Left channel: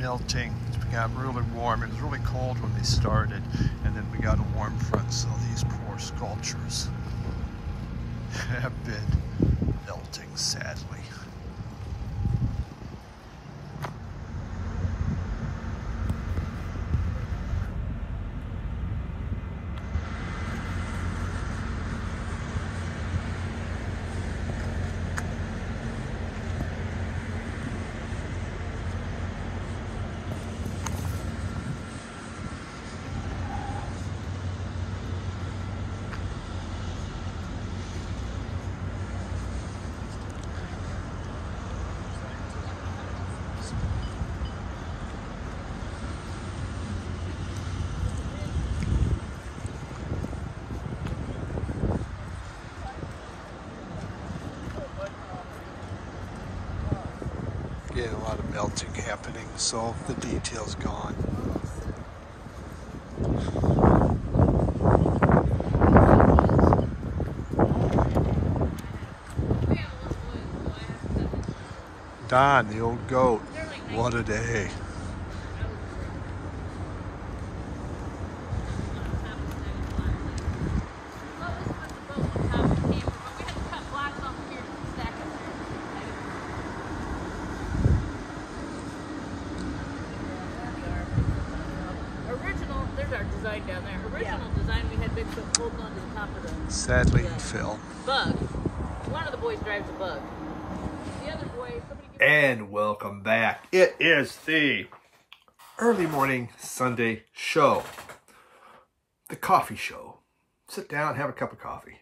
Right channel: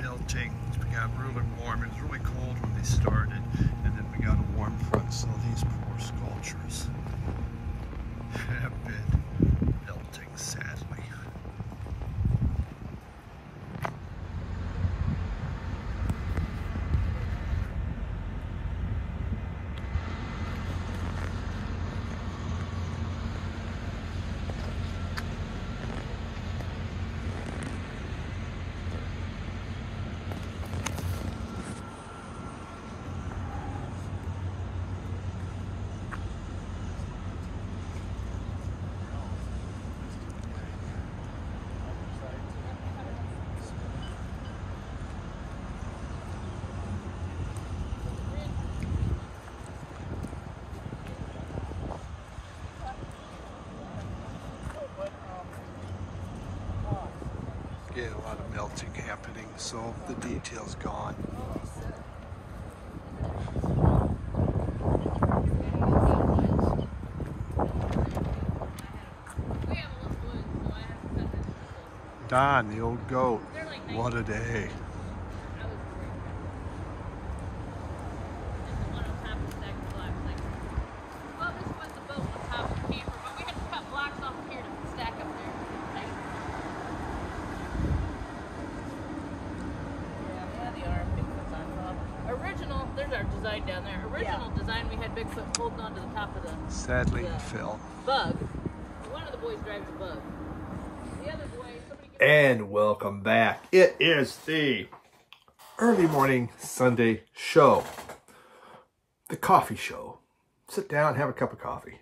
melting. It got really warm. It was really cold when they started, and then we got a warm front, so these poor sculptures have been melting, sadly. Getting a lot of melting happening, so the detail's gone. Don, the old goat. What a day. Sadly, Phil. Bug. One of the boys drives a bug. The other boy. And welcome back. It is the early morning Sunday show. The coffee show. Sit down, have a cup of coffee.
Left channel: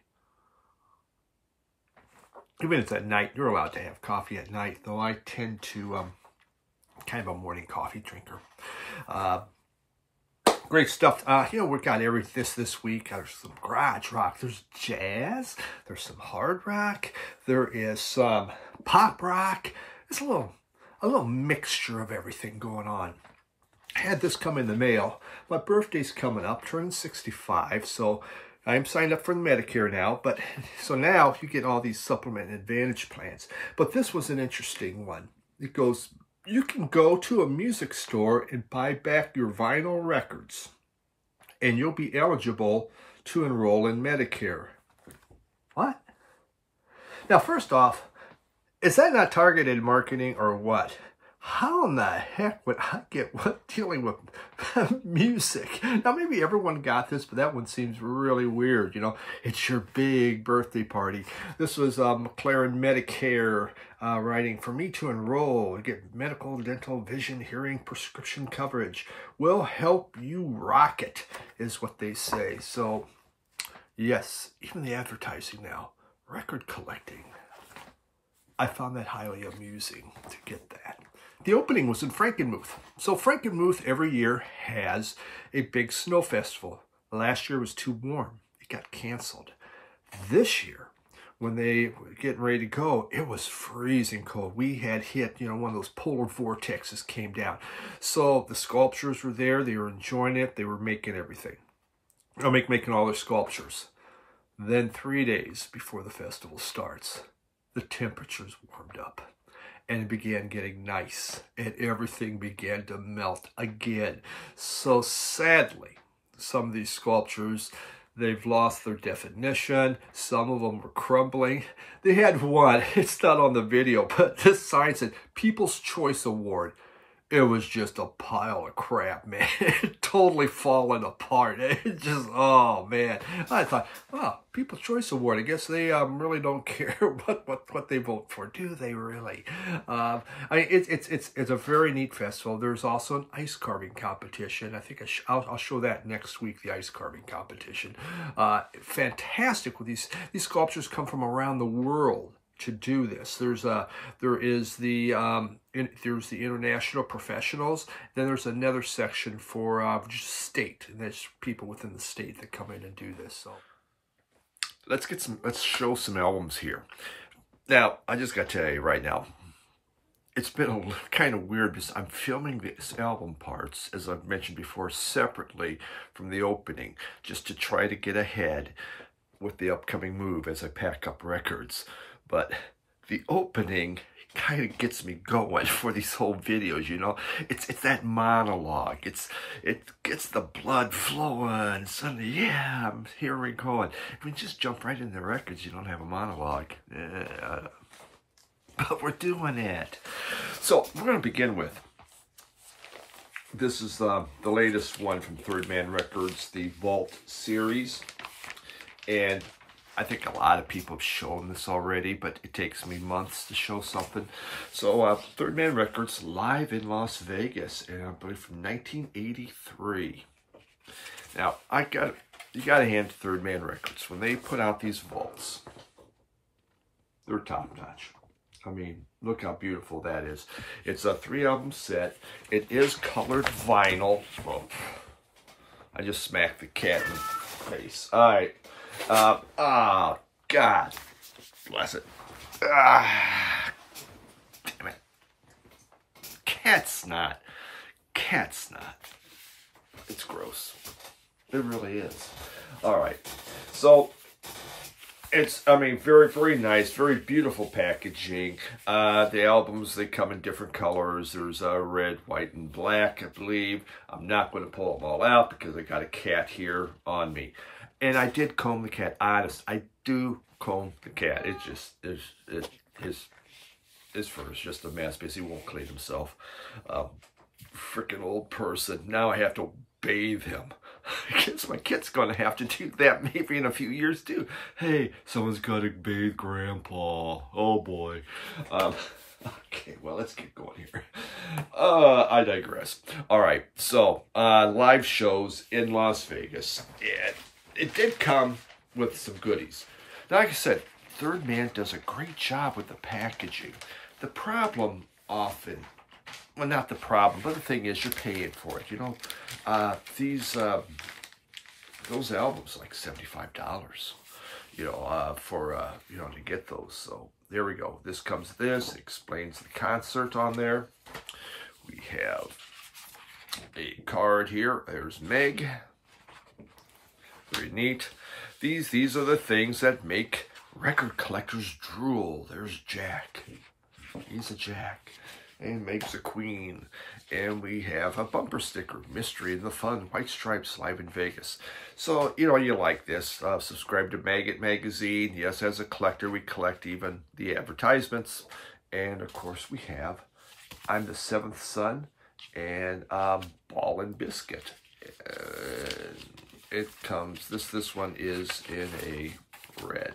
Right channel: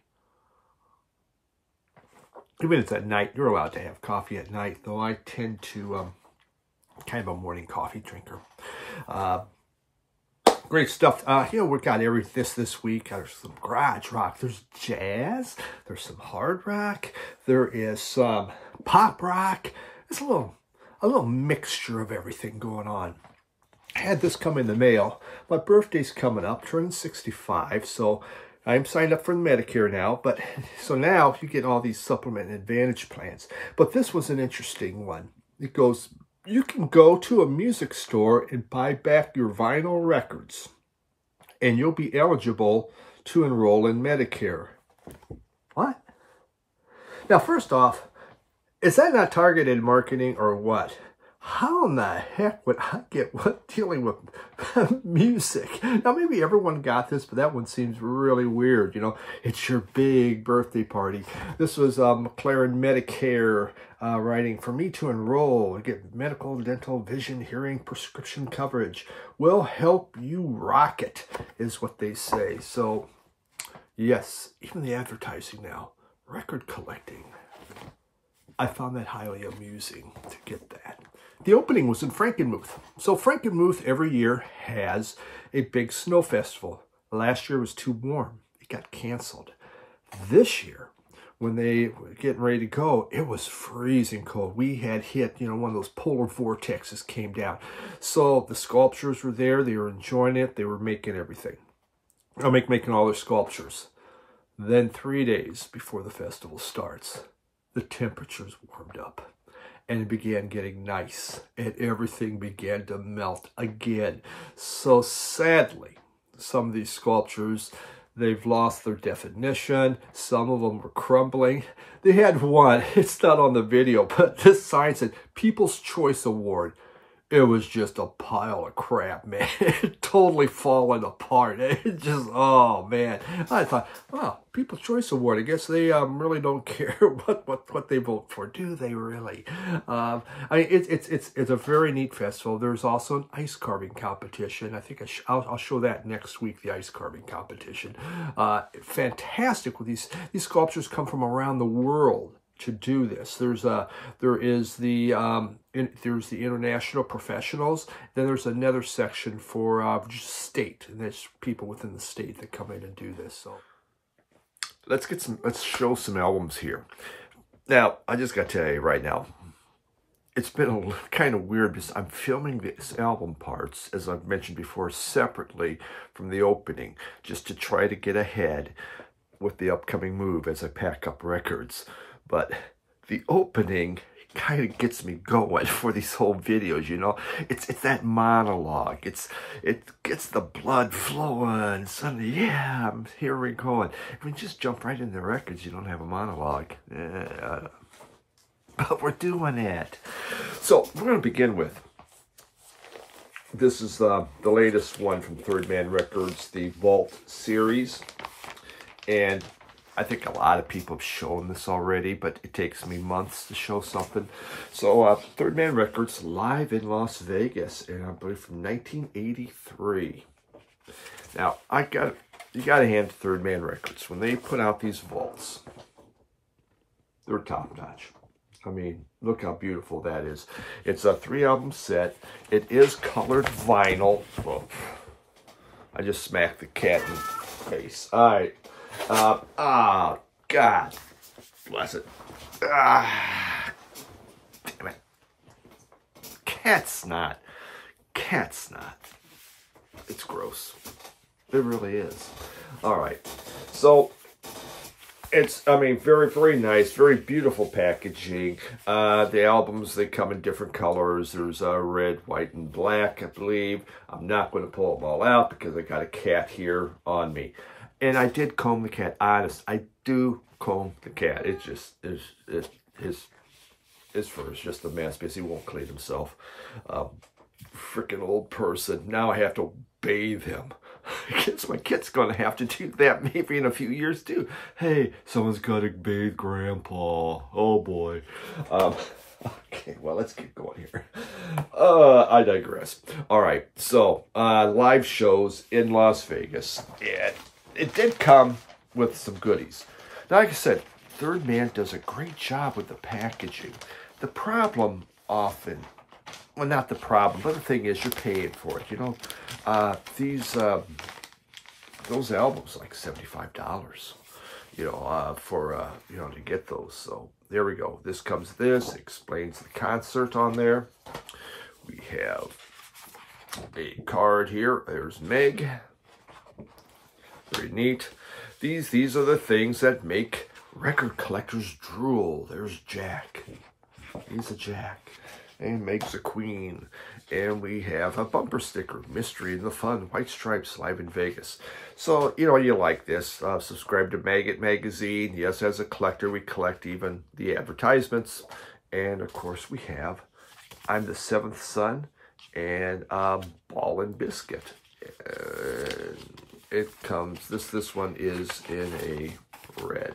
Even if it's at night, you're allowed to have coffee at night, though I tend to kind of a morning coffee drinker. Great stuff. You know, we got this week. There's some garage rock. There's jazz. There's some hard rock. There is some pop rock. It's a little mixture of everything going on. I had this come in the mail. My birthday's coming up, turning 65, so I'm signed up for Medicare now. But so now you get all these supplement and advantage plans. But this was an interesting one. It goes, you can go to a music store and buy back your vinyl records, and you'll be eligible to enroll in Medicare. What? Now, first off, is that not targeted marketing or what? How in the heck would I get what dealing with music? Now, maybe everyone got this, but that one seems really weird. You know, it's your big birthday party. This was McLaren Medicare writing, for me to enroll and get medical, dental, vision, hearing, prescription coverage. We'll help you rock it, is what they say. So, yes, even the advertising now, record collecting. I found that highly amusing to get that. The opening was in Frankenmuth. So Frankenmuth every year has a big snow festival. Last year was too warm. It got canceled. This year, when they were getting ready to go, it was freezing cold. We had hit, you know, one of those polar vortexes came down. So the sculptures were there. They were enjoying it. They were making everything. Making all their sculptures. Then 3 days before the festival starts, the temperatures warmed up. And it began getting nice, and everything began to melt again. So sadly, some of these sculptures, they've lost their definition. Some of them were crumbling. They had one, it's not on the video, but this sign said, People's Choice Award. It was just a pile of crap, man. It totally fallen apart. It just, oh, man. I thought, wow, People's Choice Award. I guess they really don't care what they vote for, do they really? I mean, it's a very neat festival. There's also an ice carving competition. I think I'll show that next week, the ice carving competition. Fantastic. With these sculptures come from around the world to do this. There's the international professionals. Then there's another section for just state, and there's people within the state that come in and do this. So let's show some albums here. Now, I just got to tell you right now, it's been kind of weird because I'm filming these album parts, as I've mentioned before, separately from the opening, just to try to get ahead with the upcoming move as I pack up records. But the opening kind of gets me going for these whole videos, you know. It's that monologue. It gets the blood flowing. Suddenly, yeah, I'm here we going. I mean, just jump right in the records. You don't have a monologue. But we're doing it. So we're going to begin with. This is the latest one from Third Man Records, the Vault series. And I think a lot of people have shown this already, but it takes me months to show something. So Third Man Records, live in Las Vegas, and I believe from 1983. Now, you got to hand Third Man Records. When they put out these vaults, they're top-notch. I mean, look how beautiful that is. It's a 3-album set. It is colored vinyl. Oh, I just smacked the cat in the face. All right. Oh, God. Bless it. Damn it. Cat snot. Cat snot. It's gross. It really is. All right. So, it's, I mean, very, very nice, very beautiful packaging. The albums, they come in different colors. There's red, white, and black, I believe. I'm not going to pull them all out because I got a cat here on me. And I did comb the cat. Honest, I do comb the cat. It's just, his fur is just a mess because he won't clean himself. Freaking old person. Now I have to bathe him. I guess my kid's going to have to do that maybe in a few years too. Hey, someone's got to bathe Grandpa. Oh boy. Okay, well, let's get going here. I digress. All right, so live shows in Las Vegas. And it did come with some goodies. Now, like I said, Third Man does a great job with the packaging. The problem often, well, not the problem, but the thing is you're paying for it. You know, those albums like $75, you know, for, you know, to get those. So there we go. This comes this, explains the concert on there. We have a card here. There's Meg. Very neat. These are the things that make record collectors drool. There's Jack. He's a Jack. And Meg's a queen. And we have a bumper sticker, Mystery and the Fun, White Stripes, live in Vegas. So, you know, you like this. Subscribe to Maggot Magazine. Yes, as a collector, we collect even the advertisements. And, of course, we have I'm the Seventh Son and Ball and Biscuit. It comes, this one is in a red.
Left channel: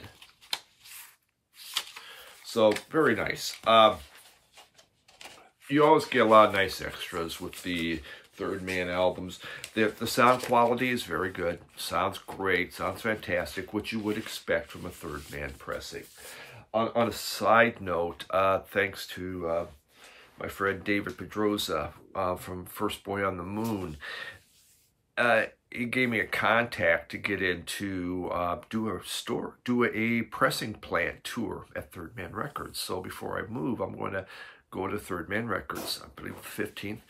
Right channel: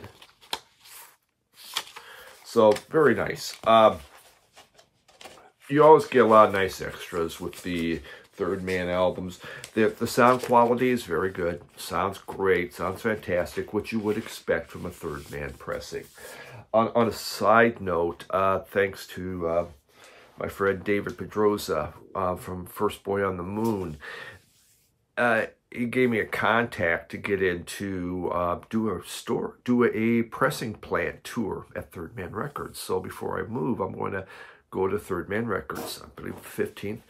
So, very nice. You always get a lot of nice extras with the Third Man albums. The sound quality is very good. Sounds great. Sounds fantastic. What you would expect from a Third Man pressing. On a side note, thanks to my friend David Pedroza from First Boy on the Moon, he gave me a contact to get into do a pressing plant tour at Third Man Records. So before I move, I'm going to go to Third Man Records, I believe the 15th,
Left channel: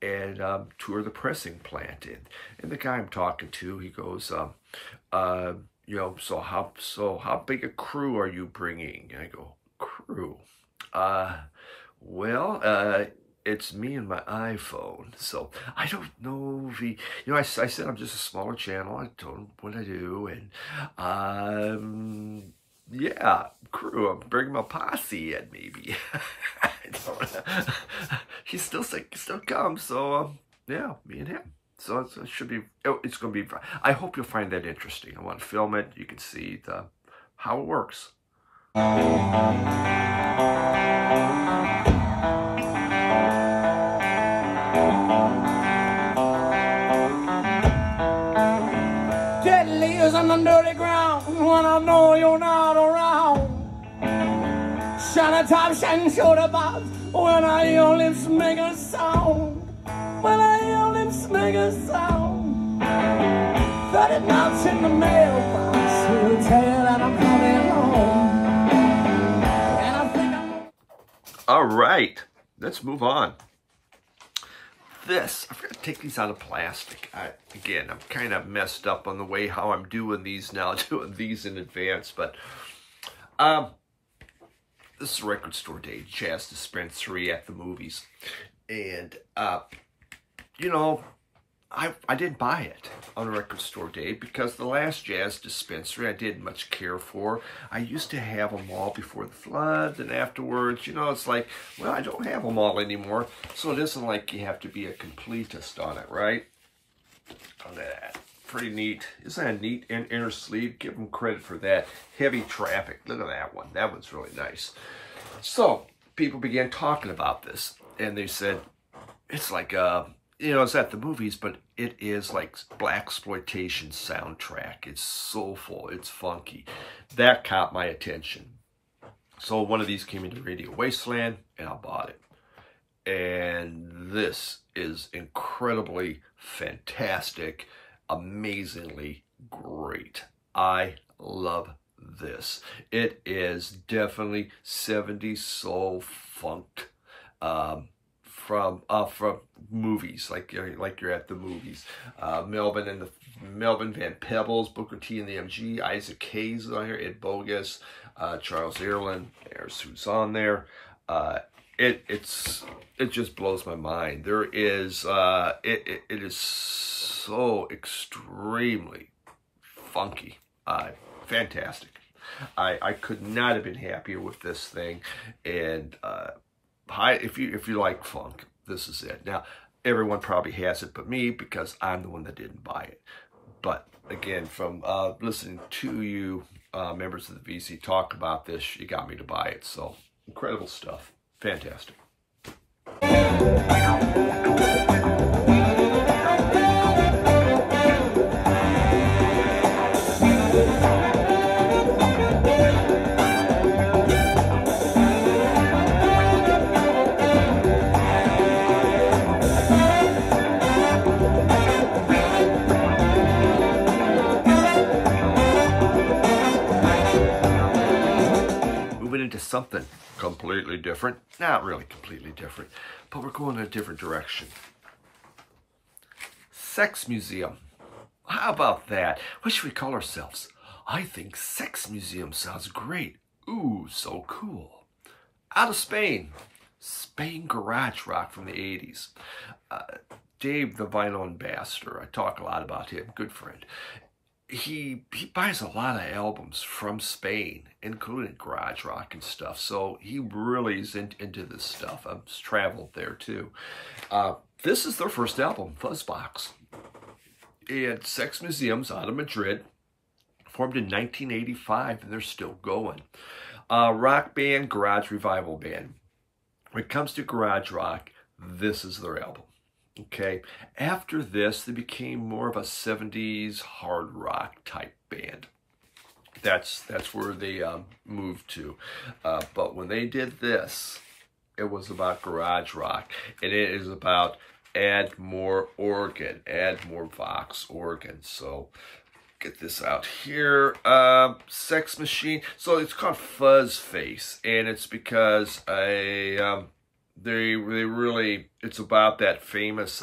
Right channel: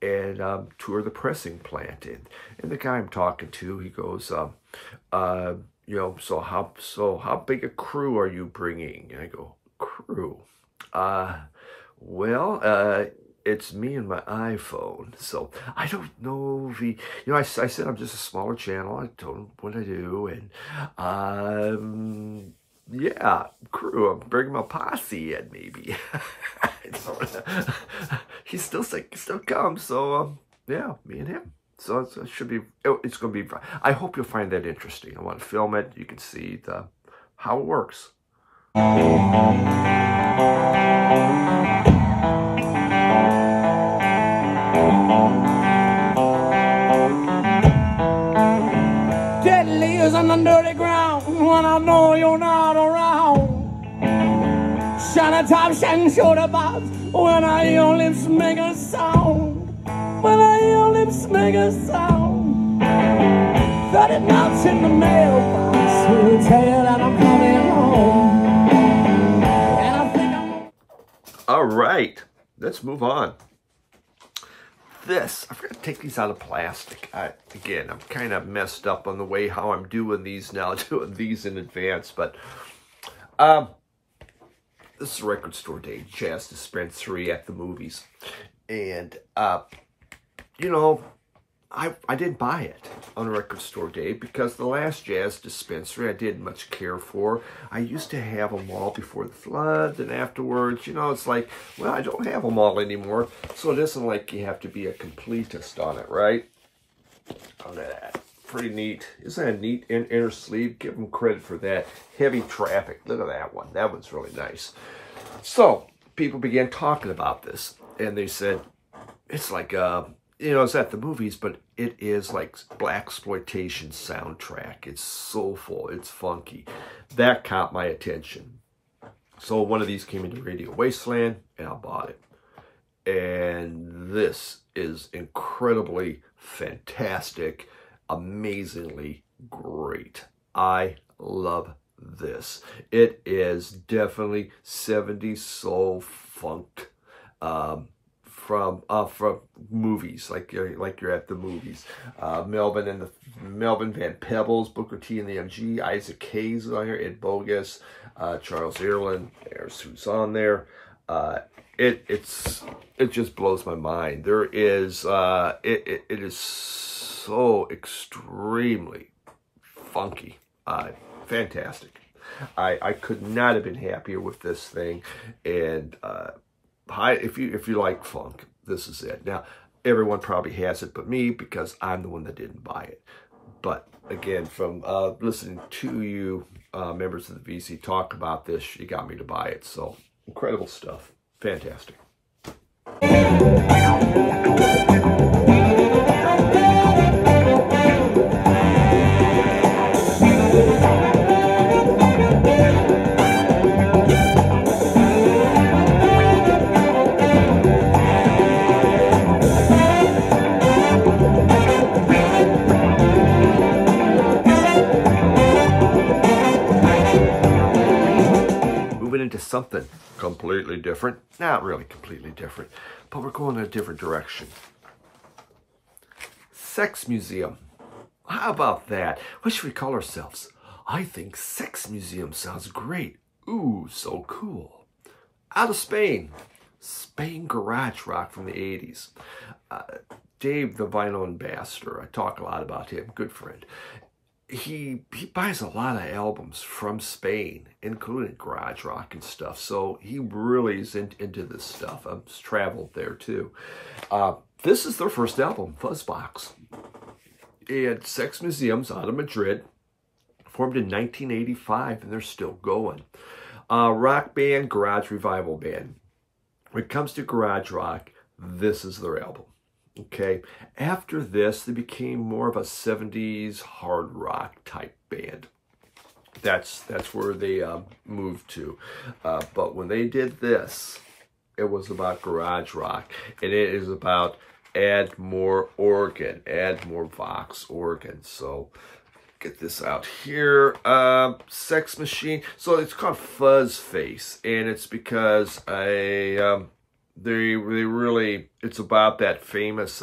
and tour the pressing plant. And the guy I'm talking to, he goes, you know, so how big a crew are you bringing? And I go, crew? Well, it's me and my iPhone. So I don't know if he, you know, I said I'm just a smaller channel. I told him what I do. And, yeah, crew, I'm bringing my posse in maybe. I don't know. He's still sick, he still comes. So, yeah, me and him. So it should be, it's going to be, I hope you'll find that interesting. I want to film it. You can see how it works. Deadly is on the dirty ground when I know you're not around. Shine a top, shine shoulder bob when I hear your lips make a sound. When I hear your lips make a sound. 30 knots in the mailbox will tell you that I'm coming home. And I think I'm... All right, let's move on. I forgot to take these out of plastic. Again, I'm kind of messed up on the way how I'm doing these now, doing these in advance. But this is Record Store Day, Jazz Dispensary at the movies. And, you know, I didn't buy it on Record Store Day because the last Jazz Dispensary I didn't much care for. I used to have them all before the floods, and afterwards, you know, it's like, well, I don't have them all anymore. So it isn't like you have to be a completist on it, right? Look at that. Pretty neat. Isn't that a neat inner sleeve? Give them credit for that. Heavy traffic. Look at that one. That one's really nice. So people began talking about this, and they said, it's like, you know, it's at the movies, but it is like blaxploitation soundtrack. It's soulful. It's funky. That caught my attention. So one of these came into Radio Wasteland, and I bought it. And this is incredibly fantastic, amazingly great. I love this. It is definitely 70s soul funked. From movies, like you're at the movies. Melvin Van Peebles, Booker T and the MG, Isaac Hayes is on here, Ed Bogus, Charles Earland. There's who's on there. It just blows my mind. There is it is so extremely funky, fantastic. I could not have been happier with this thing, and if you like funk, this is it. Now, everyone probably has it but me because I'm the one that didn't buy it. But again, from listening to you members of the VC talk about this, you got me to buy it. So incredible stuff. Fantastic. Into something completely different. Not really completely different, but we're going in a different direction. Sex museum. How about that? What should we call ourselves? I think sex museum sounds great. Ooh, so cool. Out of Spain. Spain garage rock from the 80s. Dave, the vinyl ambassador, I talk a lot about him, good friend. He buys a lot of albums from Spain, including garage rock and stuff. So he really is into this stuff. I've traveled there too. This is their first album, Fuzzbox. And Sex Museum's out of Madrid, formed in 1985, and they're still going. Rock band, garage revival band. When it comes to garage rock, this is their album. Okay, after this, they became more of a 70s hard rock type band. That's where they moved to. But when they did this, it was about garage rock, and it is about add more organ, add more Vox organ. So get this out here. Sex Machine. So it's called Fuzz Face, and it's because they really, it's about that famous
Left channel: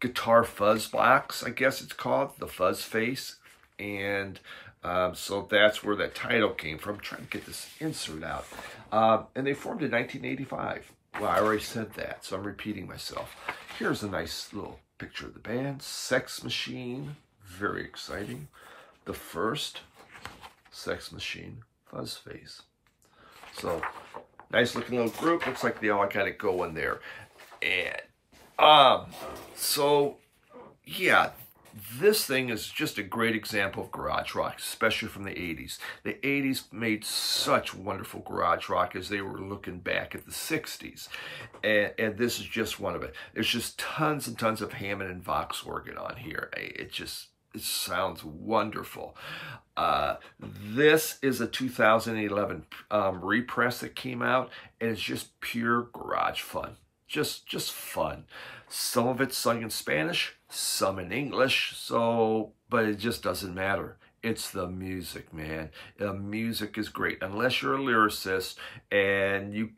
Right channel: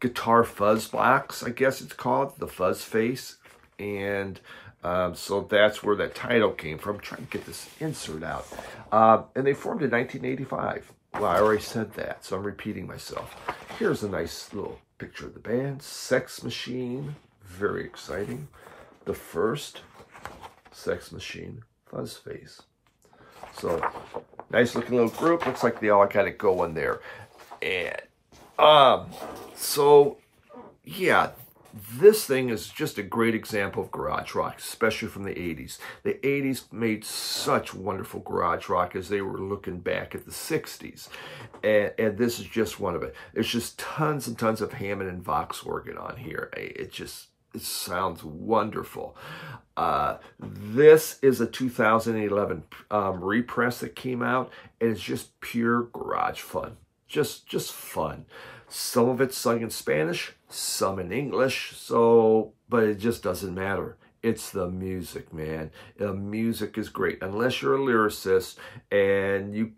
guitar fuzz box, I guess it's called, the Fuzz Face. And so that's where that title came from. I'm trying to get this insert out. And they formed in 1985. Well, I already said that, so I'm repeating myself. Here's a nice little picture of the band. Sex Machine, very exciting. The first Sex Machine Fuzz Face. So, nice looking little group. Looks like they all got it going there. And, so, yeah, this thing is just a great example of garage rock, especially from the 80s. The 80s made such wonderful garage rock as they were looking back at the 60s. And this is just one of it. There's just tons and tons of Hammond and Vox organ on here. It sounds wonderful. This is a 2011 repress that came out, and it's just pure garage fun. Just fun. Some of it's sung in Spanish, some in English, but it just doesn't matter. It's the music, man. The music is great. Unless you're a lyricist and you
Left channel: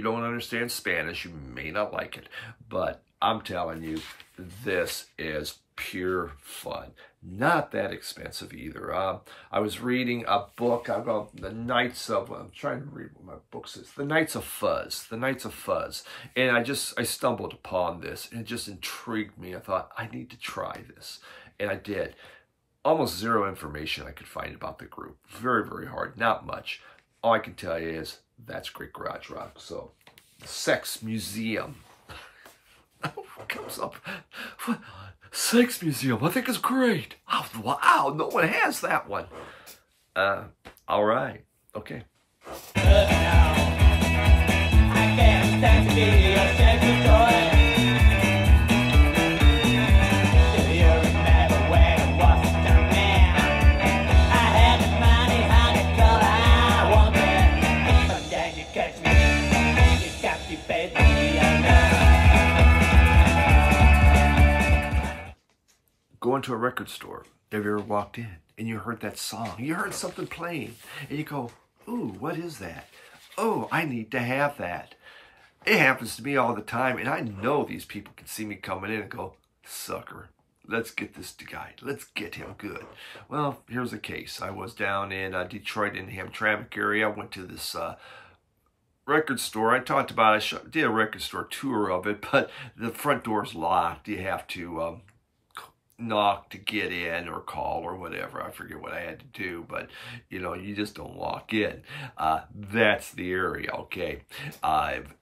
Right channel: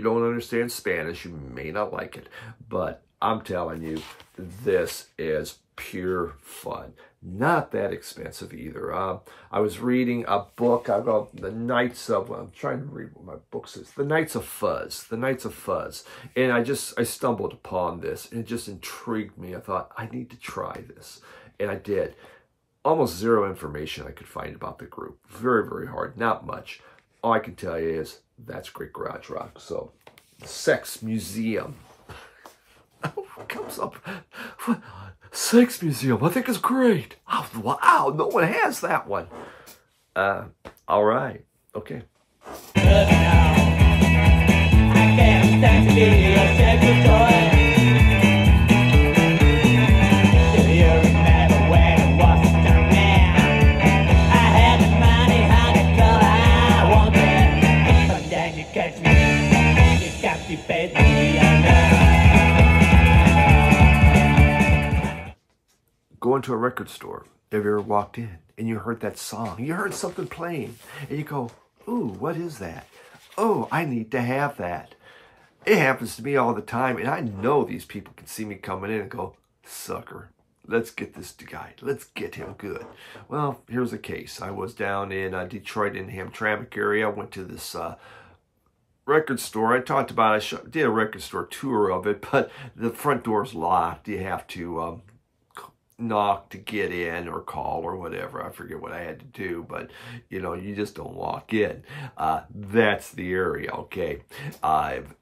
don't understand Spanish, you may not like it. But I'm telling you, this is pure fun. Not that expensive either. I was reading a book. I got The Knights of, I'm trying to read what my book says. The Knights of Fuzz. The Knights of Fuzz. And I stumbled upon this, and it just intrigued me. I thought, I need to try this. And I did. Almost zero information I could find about the group. Very, very hard. Not much. All I can tell you is that's great garage rock. So, the Sex Museum. Comes up. Sex Museum. I think it's great. Oh, wow. No one has that one. All right. Okay. Going to a record store. Have you ever walked in and you heard that song? You heard something playing and you go, ooh, what is that? Oh, I need to have that. It happens to me all the time, and I know these people can see me coming in and go, sucker, let's get this guy. Let's get him good. Well, here's the case. I was down in Detroit in the Hamtramck area. I went to this record store. I talked about it. I did a record store tour of it, but the front door's locked. You have to knock to get in or call or whatever. I forget what I had to do, but you know, you just don't walk in. That's the area, okay?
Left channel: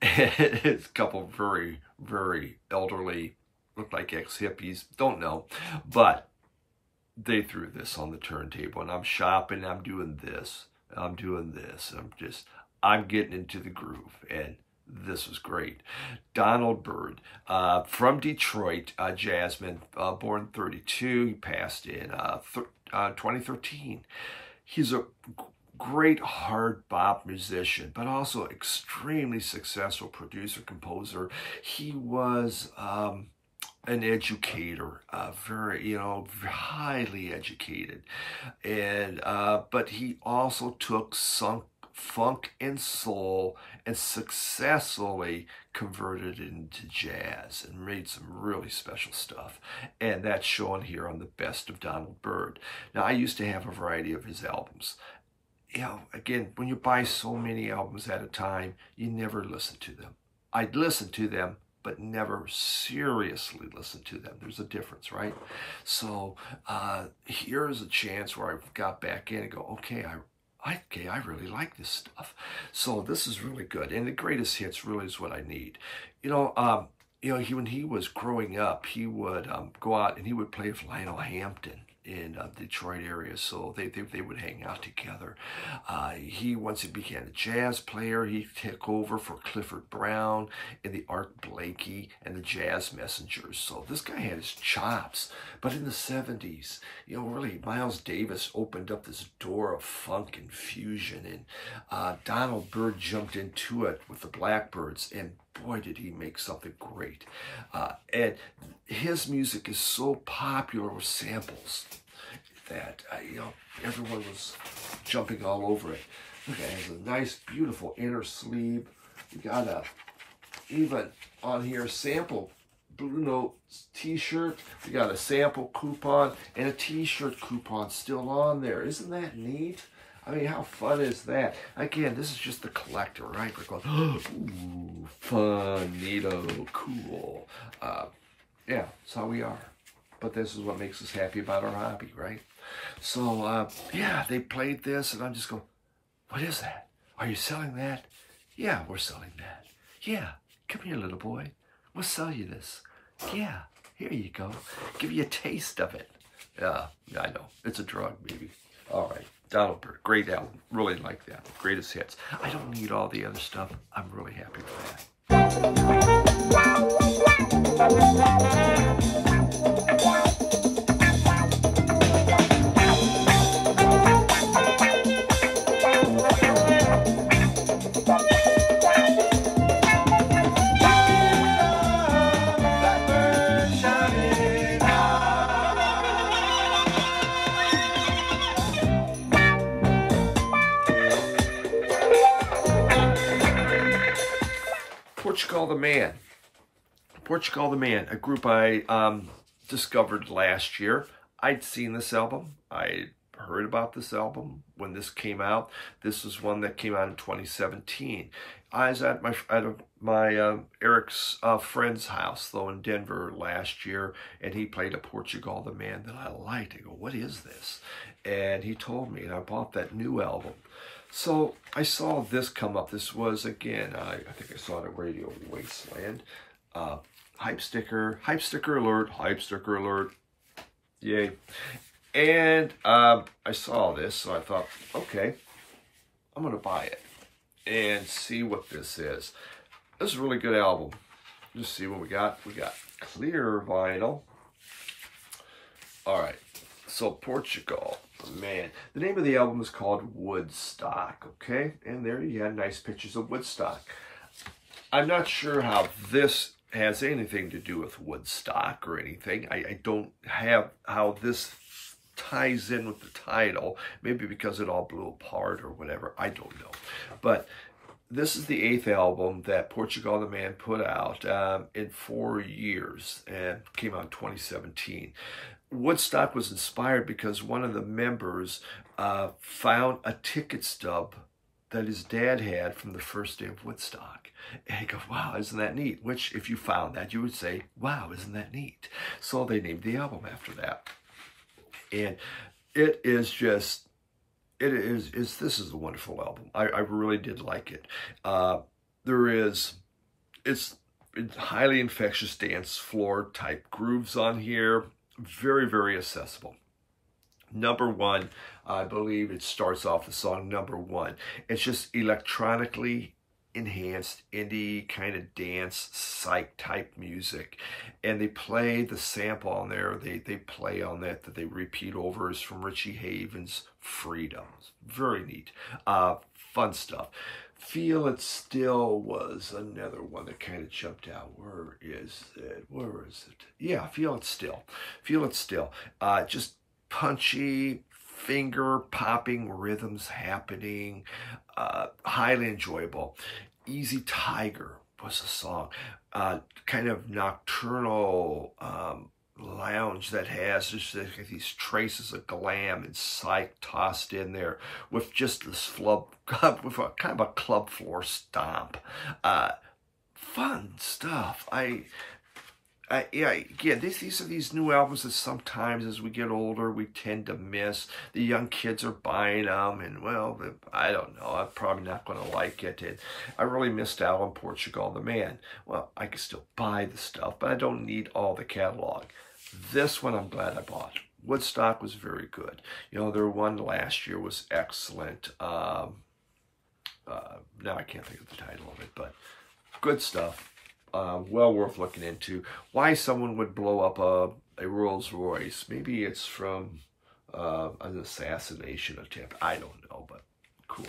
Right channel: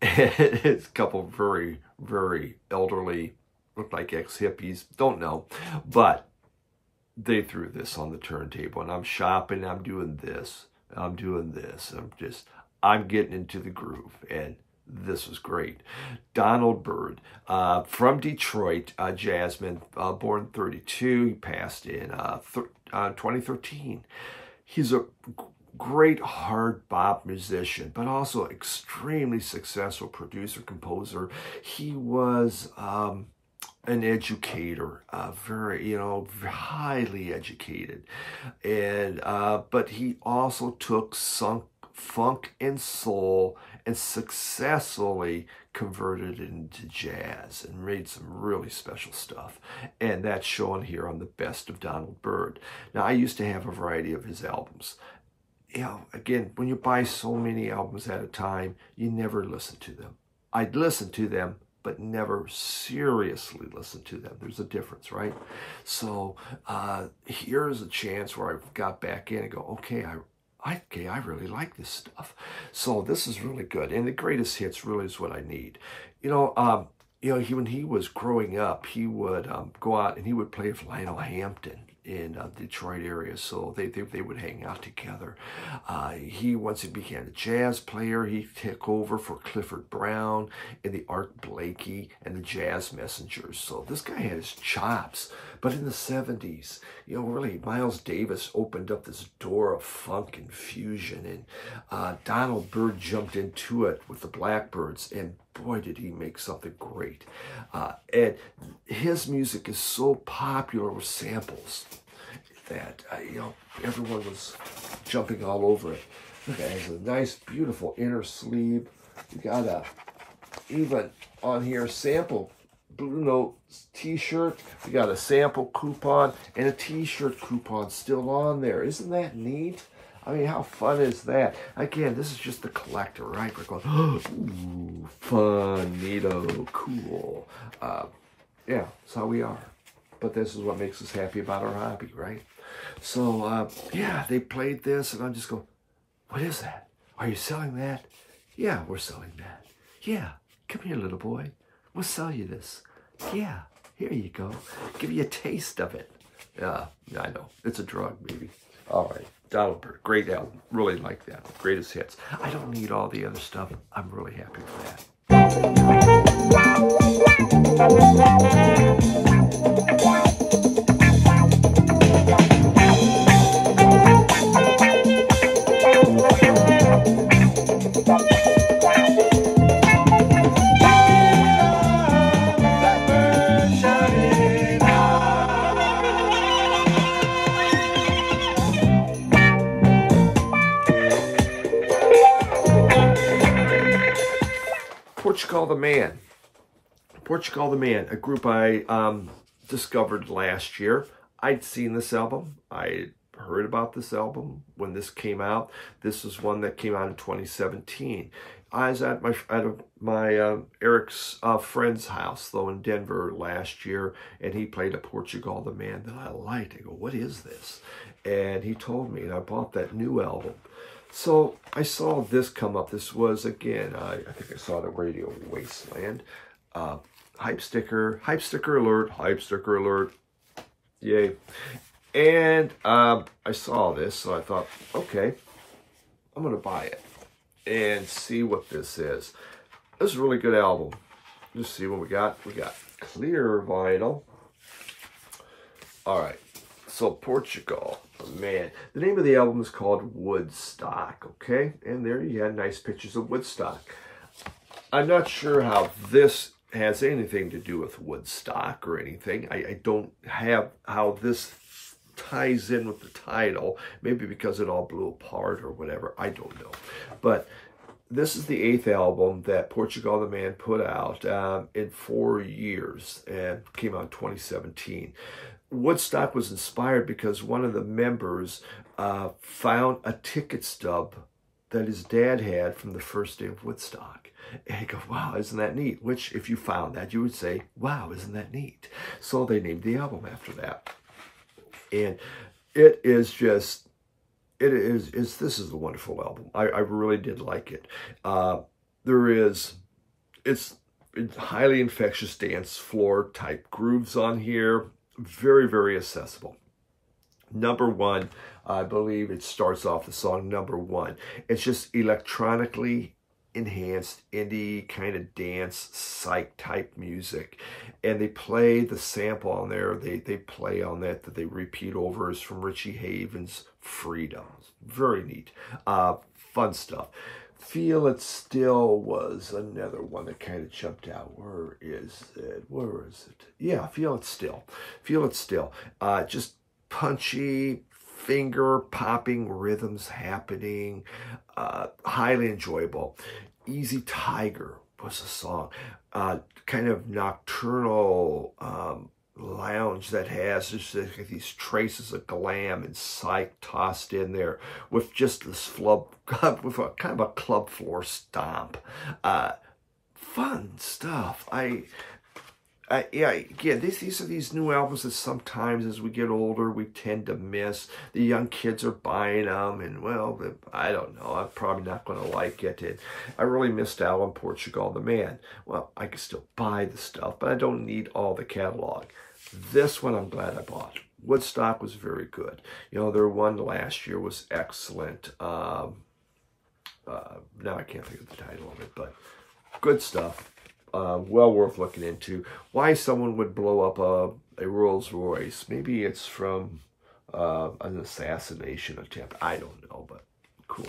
It's a couple of very, very elderly, look like ex-hippies, don't know, but they threw this on the turntable, and I'm shopping, I'm doing this, I'm getting into the groove, and this was great. Donald Byrd, from Detroit, jazzman, born 32. He passed in 2013. He's a great hard bop musician, but also extremely successful producer, composer. He was an educator, very, highly educated. And, but he also took funk and soul and successfully converted it into jazz and made some really special stuff. And that's shown here on the Best of Donald Byrd. Now, I used to have a variety of his albums. Again, when you buy so many albums at a time, you never listen to them. I'd listen to them, but never seriously listen to them. There's a difference, right? So here's a chance where I got back in and go, okay, I really like this stuff. So this is really good. And the greatest hits really is what I need. When he was growing up, he would go out and he would play with Lionel Hampton in the Detroit area, so they would hang out together. Once he became a jazz player, he took over for Clifford Brown and the Art Blakey and the Jazz Messengers. So this guy had his chops. But in the 70s, really, Miles Davis opened up this door of funk and fusion, and Donald Byrd jumped into it with the Blackbirds, and boy, did he make something great. And his music is so popular with samples that, everyone was jumping all over it. Look, it has a nice, beautiful inner sleeve. You got even on here, sample Blue Note t-shirt. We got a sample coupon and a t-shirt coupon still on there. Isn't that neat? I mean, how fun is that? Again, this is just the collector, right? We're going, ooh, fun, neato, cool. Yeah, that's how we are. But this is what makes us happy about our hobby, right? So, yeah, they played this, and I'm just going, what is that? Are you selling that? Yeah, we're selling that. Yeah, come here, little boy. We'll sell you this. Yeah, here you go. Give you a taste of it. Yeah, I know. It's a drug, baby. All right. Donald Byrd, great album. Really like that. Greatest hits. I don't need all the other stuff. I'm really happy with that. Portugal the Man. Portugal the Man, a group I discovered last year. I'd seen this album. I heard about this album when this came out. This is one that came out in 2017. I was at my Eric's friend's house, though, in Denver last year, and he played a Portugal the Man that I liked. I go, what is this? And he told me, and I bought that new album. So I saw this come up. This was, again, I think I saw it at Radio Wasteland. Hype sticker alert, yay. And I saw this, so I thought, okay, I'm going to buy it and see what this is. This is a really good album. Just see what we got. We got clear vinyl. All right, so Portugal, man. The name of the album is called Woodstock, okay? And there you had nice pictures of Woodstock. I'm not sure how this has anything to do with Woodstock or anything. I don't have how this ties in with the title, maybe because it all blew apart or whatever, I don't know. But this is the 8th album that Portugal the Man put out in 4 years, and came out in 2017. Woodstock was inspired because one of the members found a ticket stub that his dad had from the first day of Woodstock. And he goes, wow, isn't that neat? Which, if you found that, you would say, wow, isn't that neat? So they named the album after that. And it is just, this is a wonderful album. I really did like it. It's highly infectious dance floor type grooves on here. Very, very accessible. Number one, I believe it starts off the song number one. It's just electronically enhanced indie kind of dance psych type music, and they play the sample on there. They play on that they repeat over is from Richie Havens' Freedom. Very neat, fun stuff. Feel It Still was another one that kind of jumped out. Where is it? Yeah, Feel It Still. Just punchy, finger-popping rhythms happening, highly enjoyable. Easy Tiger was a song, kind of nocturnal lounge that has just these traces of glam and psych tossed in there with just this with a kind of a club floor stomp. Fun stuff. Yeah, again, these are these new albums that sometimes as we get older, we tend to miss. The young kids are buying them, and, well, I don't know. I'm probably not going to like it. And I really missed out on Portugal the Man. Well, I can still buy the stuff, but I don't need all the catalog. This one I'm glad I bought. Woodstock was very good. You know, their one last year was excellent. Now I can't think of the title of it, but good stuff. Well worth looking into. Why someone would blow up a Rolls Royce? Maybe it's from an assassination attempt. I don't know, but cool.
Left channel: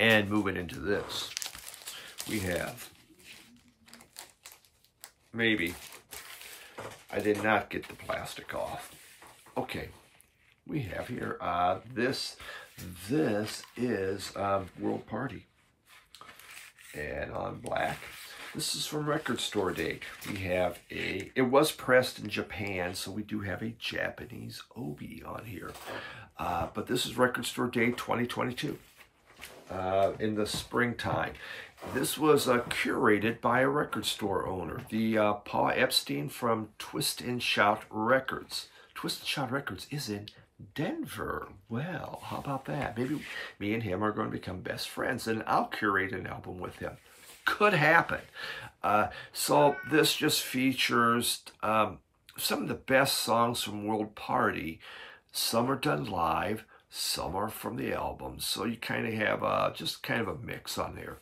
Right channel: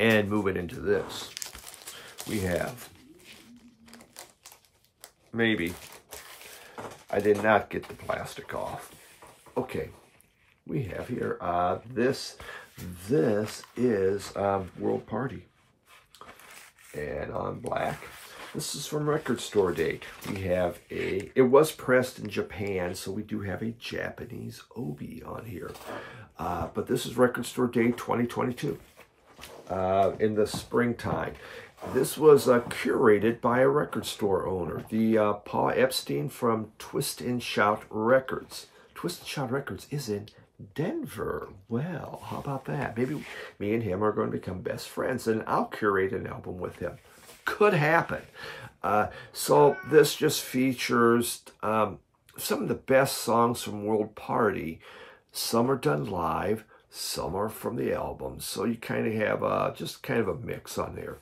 And moving into this, we have, maybe, I did not get the plastic off. Okay, we have here, this is World Party. And on black, this is from Record Store Day. We have it was pressed in Japan, so we do have a Japanese obi on here. But this is Record Store Day 2022. In the springtime. This was curated by a record store owner, the Paul Epstein from Twist and Shout Records. Twist and Shout Records is in Denver. Well, how about that? Maybe me and him are going to become best friends, and I'll curate an album with him. Could happen. So this just features some of the best songs from World Party. Some are done live. Some are from the album, so you kind of have just kind of a mix on there.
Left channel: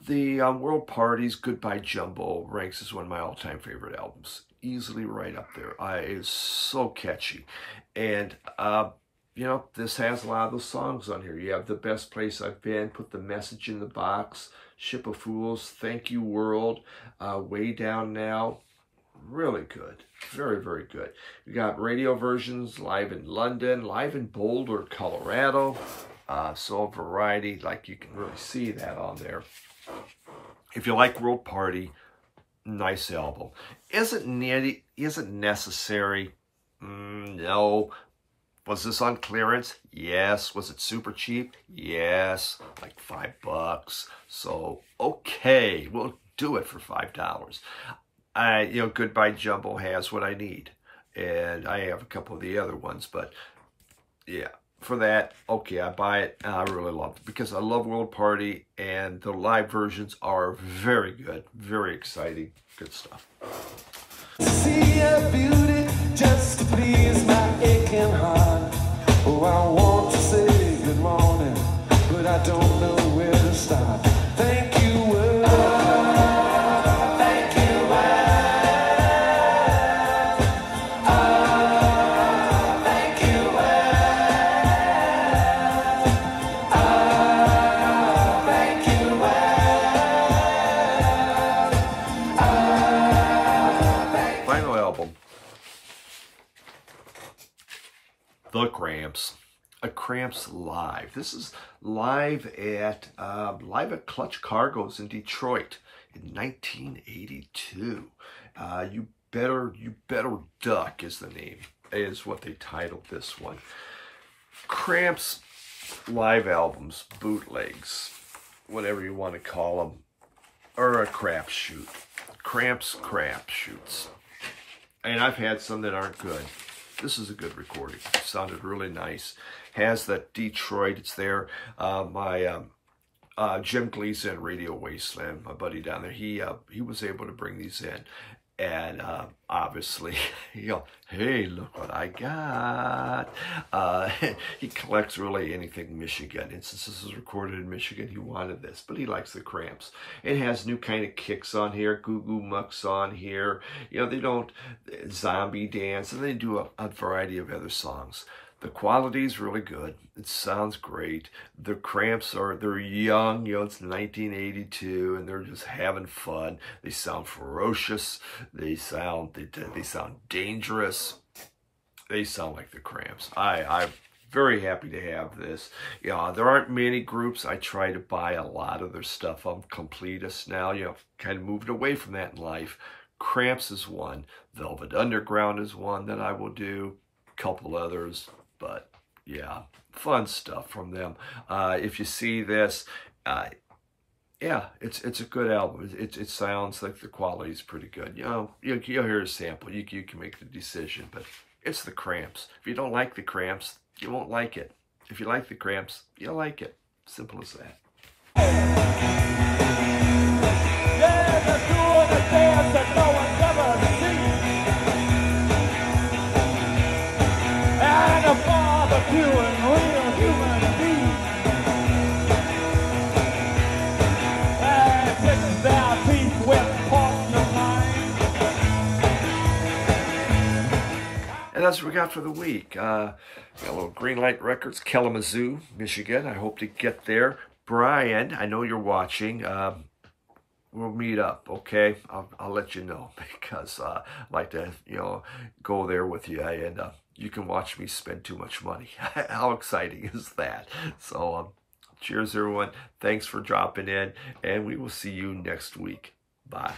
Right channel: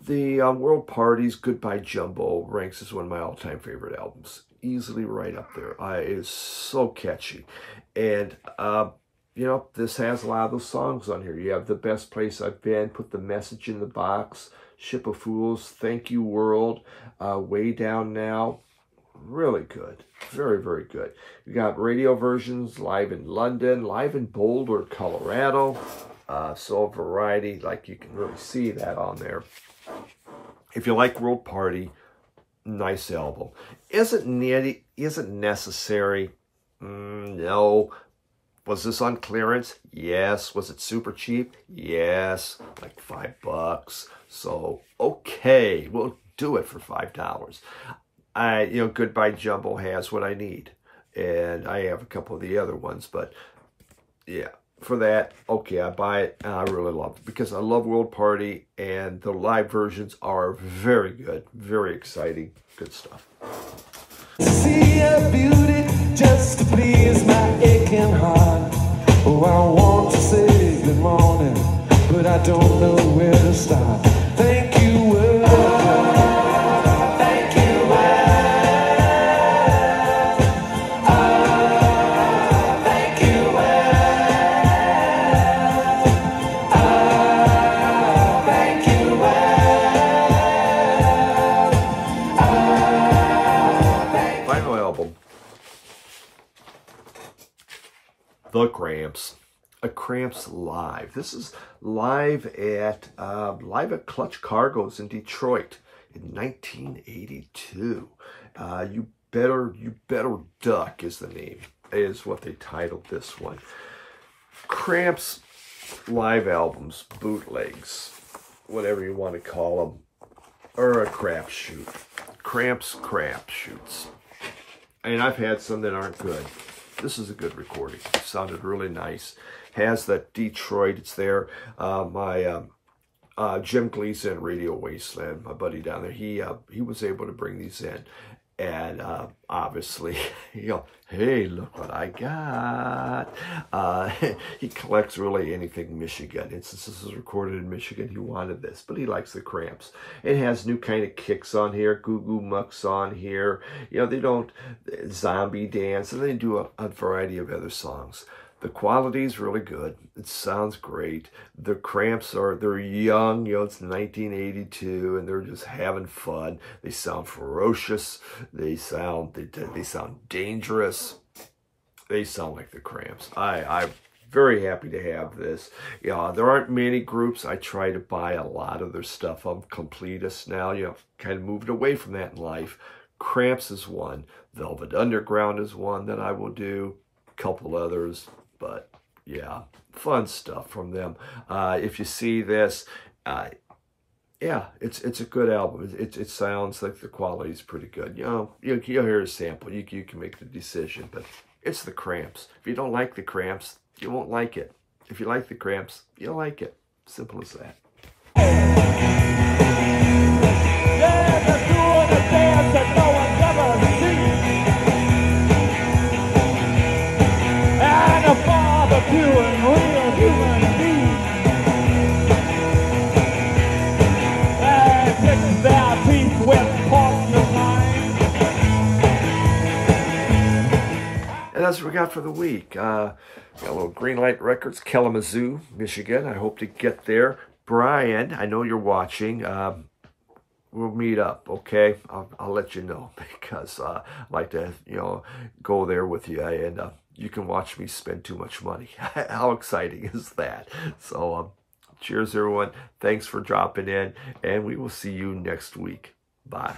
The World Party's Goodbye Jumbo ranks as one of my all-time favorite albums. easily right up there. It is so catchy. And, you know, this has a lot of those songs on here. You have The Best Place I've Been, Put the Message in the Box, Ship of Fools, Thank You World, Way Down Now. Really good. Very, very good. You got radio versions, live in London, live in Boulder, Colorado. So a variety, like you can really see that on there. If you like World Party, nice album. Isn't necessary? No. Was this on clearance? Yes. Was it super cheap? Yes. Like $5. So, okay, we'll do it for $5. You know, Goodbye Jumbo has what I need. And I have a couple of the other ones, but yeah, for that, okay, I buy it, and I really love it because I love World Party, and the live versions are very good, very exciting, good stuff. See a beauty just to please my aching heart. Oh, I want to say good morning, but I don't know where to start. Thank you, thank you, thank you, thank you. Final album, The Cramps. A Cramps live. This is live at Clutch Cargo's in Detroit in 1982. You better duck is the name, is what they titled this one. Cramps live albums, bootlegs, whatever you want to call them, or a crapshoot. Cramps crapshoots. And I've had some that aren't good. This is a good recording. It sounded really nice. Has that Detroit, it's there. Jim Gleason, Radio Wasteland, my buddy down there, he was able to bring these in. And obviously, you know, hey, look what I got. He collects really anything Michigan. And since this is recorded in Michigan, he wanted this. But he likes the Cramps. It has new kind of kicks on here. Goo Goo Mucks on here. You know, they don't zombie dance. And they do a variety of other songs. The quality is really good. It sounds great. The Cramps they're young, you know, it's 1982, and they're just having fun. They sound ferocious. They sound dangerous. They sound like the Cramps. I'm very happy to have this. Yeah, there aren't many groups. I try to buy a lot of their stuff. I'm completist now. You know, I've kind of moved away from that in life. Cramps is one. Velvet Underground is one that I will do. A couple others. But yeah, fun stuff from them. If you see this, yeah, it's a good album. It sounds like the quality is pretty good. You know, you'll hear a sample. You can make the decision. But it's the Cramps. If you don't like the Cramps, you won't like it. If you like the Cramps, you'll like it. Simple as that. And that's what we got for the week. Got a little Greenlight Records, Kalamazoo, Michigan. I hope to get there. Brian, I know you're watching. We'll meet up, okay? I'll let you know because I'd like to, you know, go there with you, and you can watch me spend too much money. How exciting is that? So, cheers, everyone. Thanks for dropping in, and we will see you next week. Bye.